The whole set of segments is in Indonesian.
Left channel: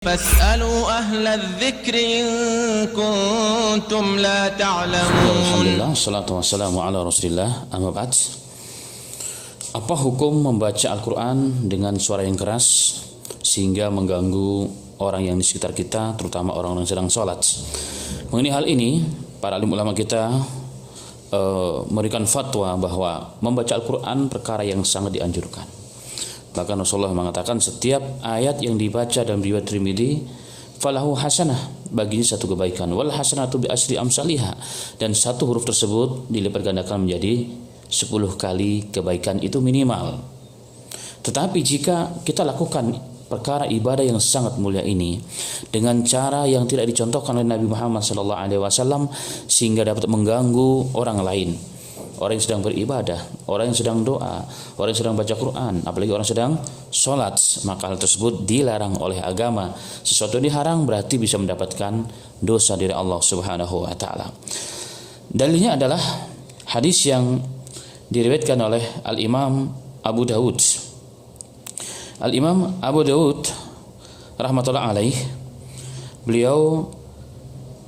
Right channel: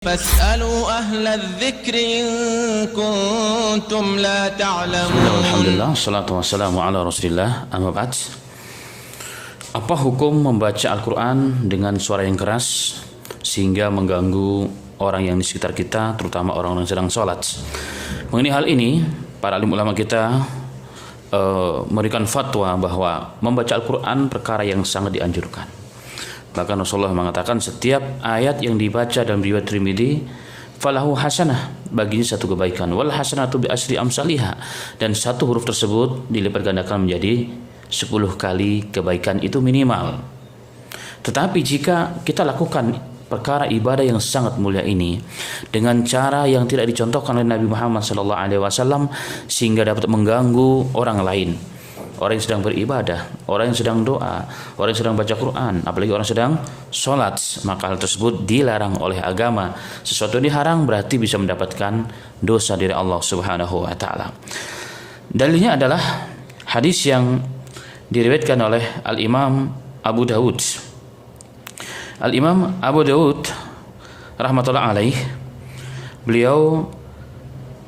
فاسألوا أهل الذكر إن كنتم لا تعلمون. Alhamdulillah, wassalamu ala rasulillah, amma ba'd. Apa hukum membaca Al-Quran dengan suara yang keras sehingga mengganggu orang yang di sekitar kita, terutama orang yang sedang sholat? Mengenai hal ini, para alim ulama kita memberikan fatwa bahwa membaca Al-Quran perkara yang sangat dianjurkan. Bahkan Rasulullah mengatakan setiap ayat yang dibaca dalam riwayat Tirmidzi falahu hasanah, baginya satu kebaikan, wal hasanatu bi asyri amsalihha, dan satu huruf tersebut dilipat gandakan menjadi 10 kali kebaikan itu minimal. Tetapi jika kita lakukan perkara ibadah yang sangat mulia ini dengan cara yang tidak dicontohkan oleh Nabi Muhammad SAW sehingga dapat mengganggu orang lain, orang yang sedang beribadah, orang yang sedang doa, orang yang sedang baca Quran, apalagi orang sedang sholat, maka hal tersebut dilarang oleh agama. Sesuatu yang dilarang berarti bisa mendapatkan dosa dari Allah Subhanahu wa taala. Dalilnya adalah hadis yang diriwayatkan oleh Al-Imam Abu Dawud. Al-Imam Abu Dawud rahmatullah alaih, beliau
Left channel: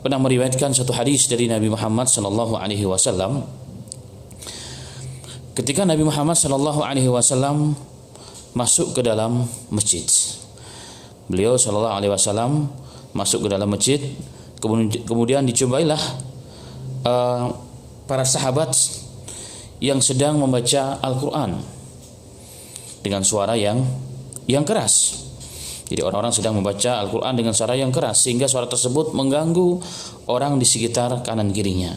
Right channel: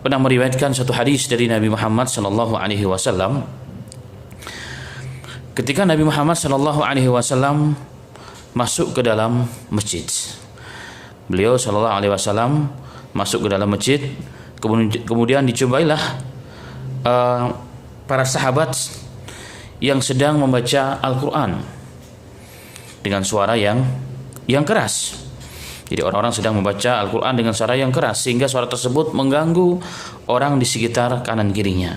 pernah meriwayatkan satu hadis dari Nabi Muhammad sallallahu alaihi wasallam. Ketika Nabi Muhammad SAW masuk ke dalam masjid, beliau SAW masuk ke dalam masjid, kemudian dicombailah para sahabat yang sedang membaca Al-Quran dengan suara yang keras. Jadi orang-orang sedang membaca Al-Quran dengan suara yang keras sehingga suara tersebut mengganggu orang di sekitar kanan kirinya.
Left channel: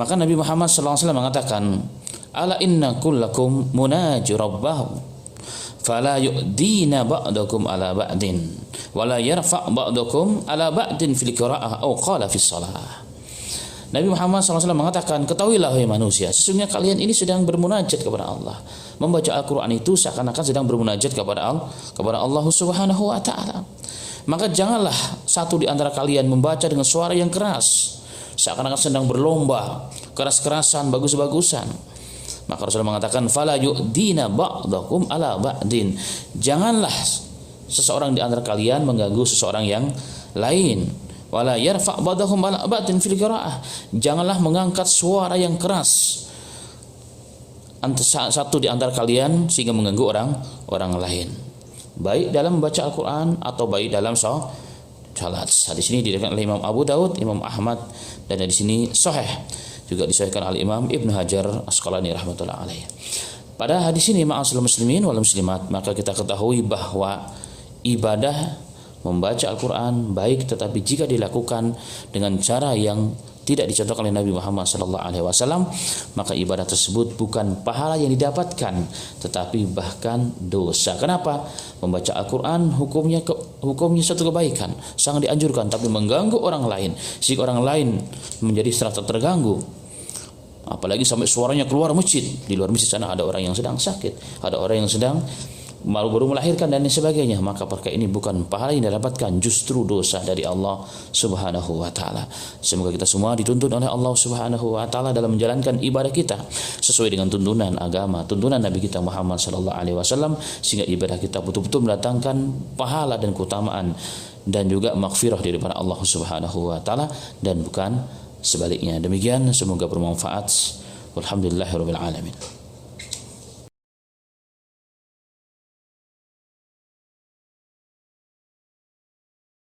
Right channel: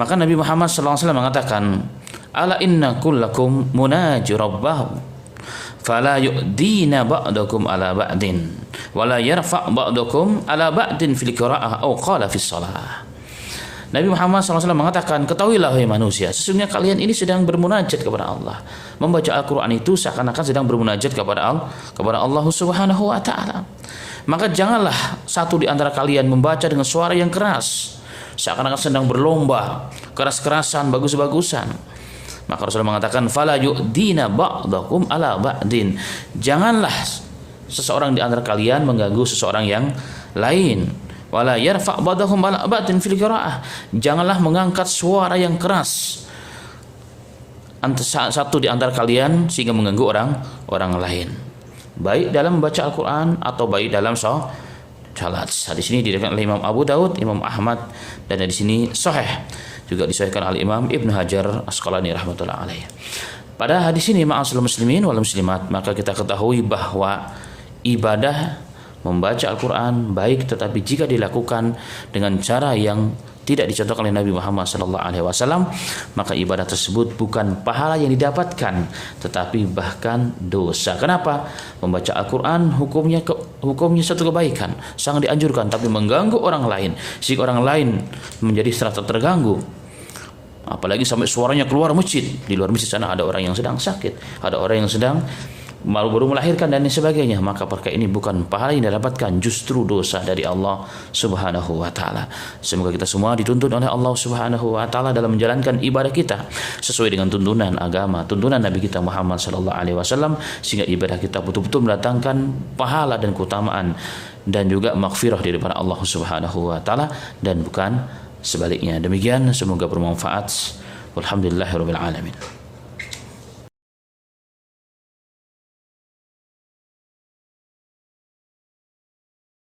Maka Nabi Muhammad SAW mengatakan, ala inna kullakum munaji rabbahu fala yu'dina ba'dakum ala ba'din wala yarfa' ba'dakum ala ba'din fil qira'ah aw qala fis shalah. Nabi Muhammad SAW mengatakan, ketahuilah wahai manusia, sesungguhnya kalian ini sedang bermunajat kepada Allah. Membaca Al-Quran itu seakan-akan sedang bermunajat kepada Allah Subhanahu wa taala. Maka janganlah satu di antara kalian membaca dengan suara yang keras seakan-akan sedang berlomba, keras-kerasan, bagus-bagusan. Maka Rasulullah mengatakan, fala yu'dina ba'dakum ala ba'din. Janganlah seseorang di antara kalian mengganggu seseorang yang lain. Wala yarfa' ba'dahum ala ba'din fil qira'ah. Janganlah mengangkat suara yang keras satu di antara kalian sehingga mengganggu orang lain, baik dalam membaca Al-Quran atau baik dalam sholat. Hadis ini diriwayatkan oleh Imam Abu Dawud, Imam Ahmad, dan di sini sahih, juga disahihkan oleh Imam Ibnu Hajar Asqalani rahmatullah alaih. Pada hadis ini, ma'asyiral muslimin wal muslimat, maka kita ketahui bahwa ibadah membaca Al-Quran baik, tetapi jika dilakukan dengan cara yang tidak dicontohkan oleh Nabi Muhammad SAW, maka ibadah tersebut bukan pahala yang didapatkan, tetapi bahkan dosa. Kenapa? Membaca Al-Quran hukumnya satu kebaikan, sangat dianjurkan, tapi mengganggu orang lain, sehingga orang lain menjadi serasa terganggu. Apalagi sampai suaranya keluar masjid. Di luar masjid sana ada orang yang sedang sakit, ada orang yang sedang baru melahirkan dan sebagainya, maka perkara ini bukan pahala yang didapatkan, justru dosa dari Allah Subhanahu wa taala. Semoga kita semua dituntun oleh Allah Subhanahu wa taala dalam menjalankan ibadah kita sesuai dengan tuntunan agama, tuntunan Nabi kita Muhammad sallallahu alaihi wasallam, sehingga ibadah kita betul-betul mendatangkan pahala dan keutamaan dan juga maghfirah daripada Allah Subhanahu wa taala, dan bukan sebaliknya. Demikian, semoga bermanfaat. Walhamdulillahirabbil alamin.